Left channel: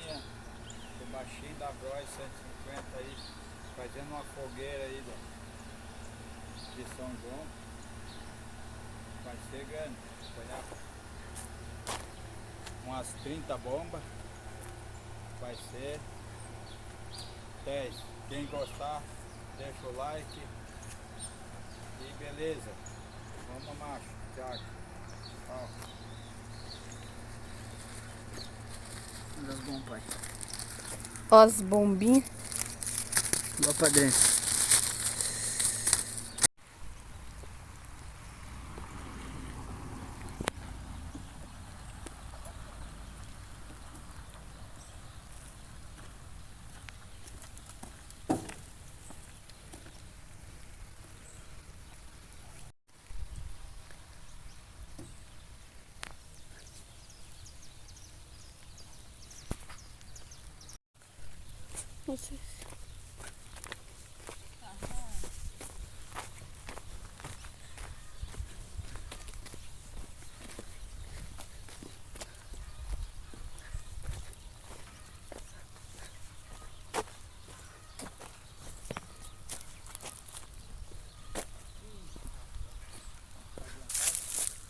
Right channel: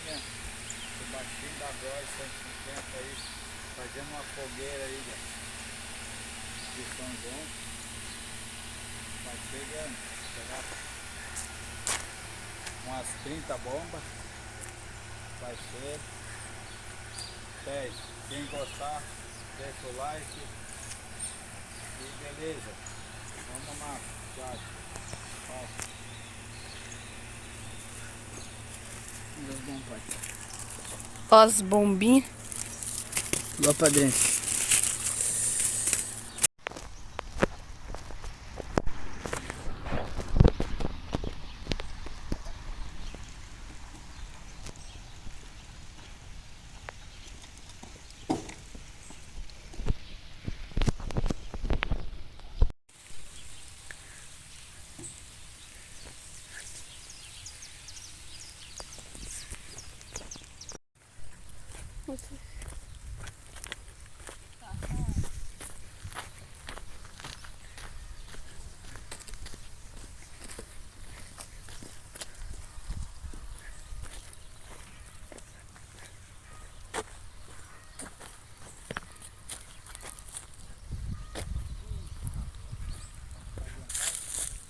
linha do baixinho da Bros 150 aí, fazendo uma fogueira aí de São João. Vai chegando, pegar umas 30 bombas, vai ser 10. Quem gostar, deixa o like e beleza. Vamos macho, Thiago. Ó. Das bombas, pai. Ó as bombinhas. Lá pra dentro.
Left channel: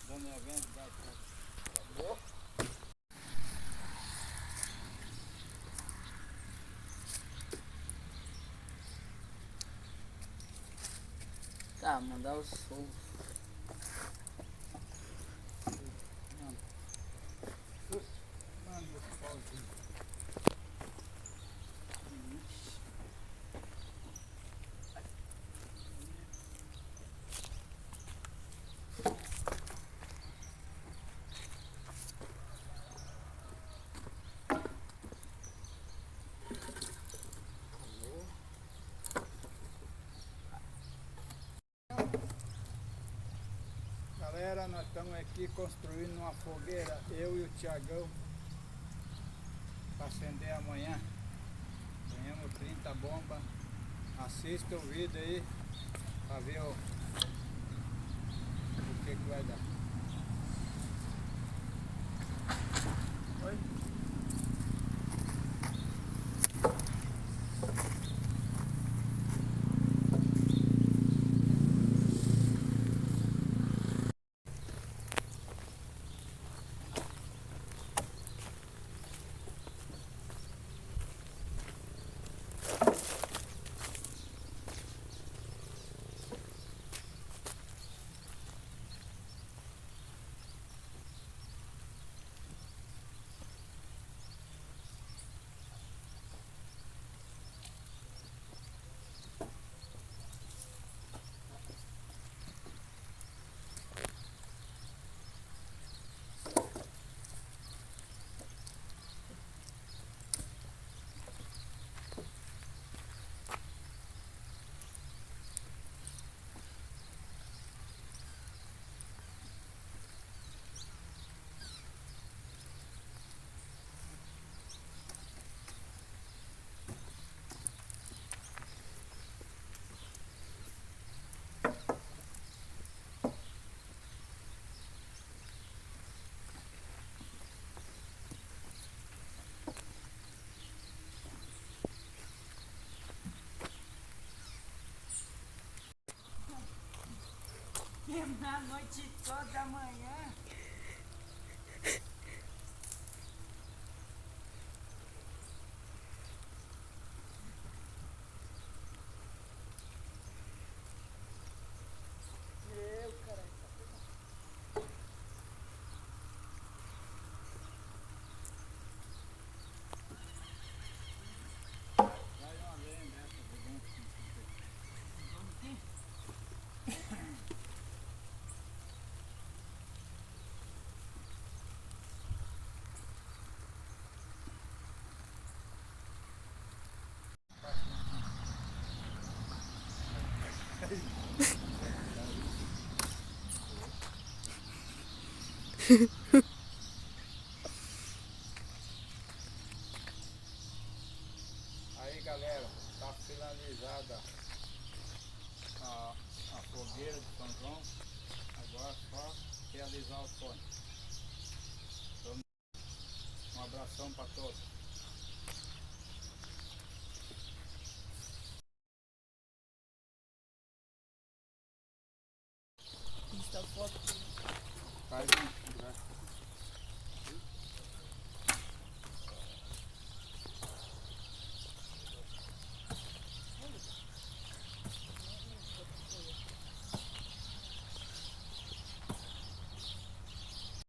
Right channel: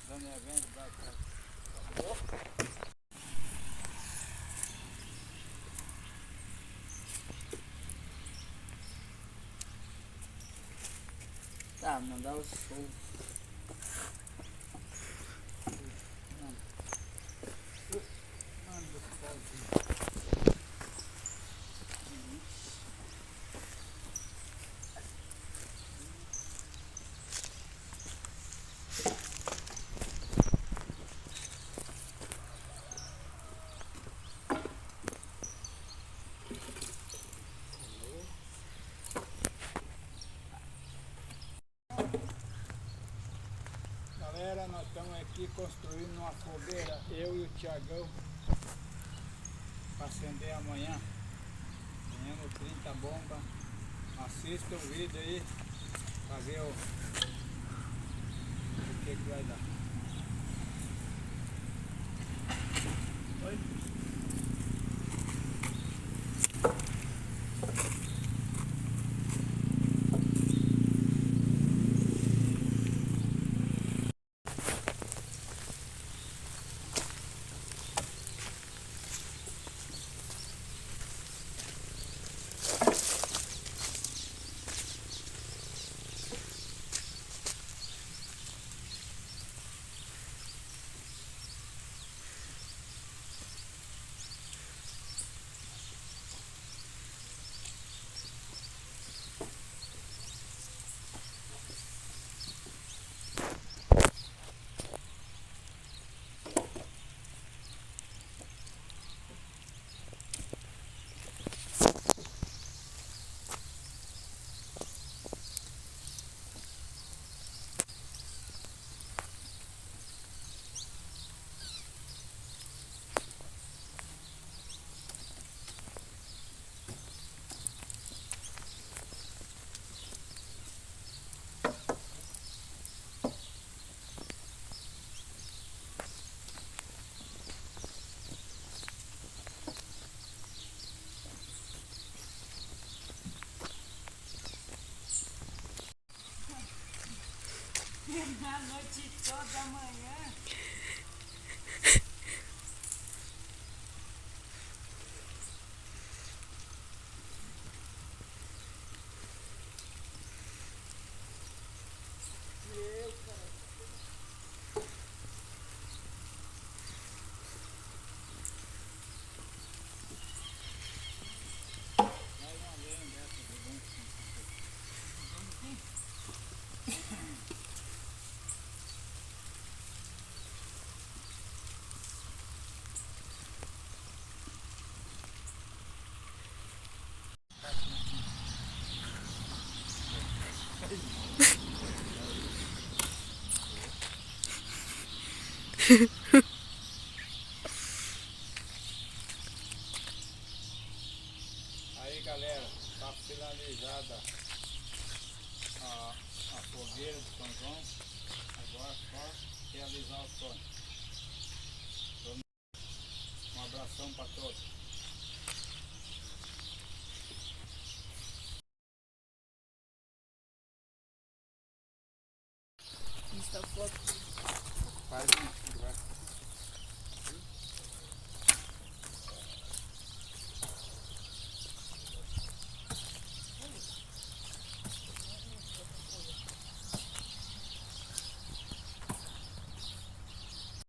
Dando evento da acabou. Tá, mandar o show. Mano, esse pauzinho. Galera, nós estamos aqui construindo uma fogueira, eu e o Tiagão, para acender amanhã. Ganhamos 30 bombas. Assista o vídeo aí para ver o que vai dar. Oi? A noite toda amanhã. Vai uma vez, né? Aí galera, está finalizada a fogueira de São João. Agora só realizar o sonho. Então, um abração para todos. essa foto. Faz um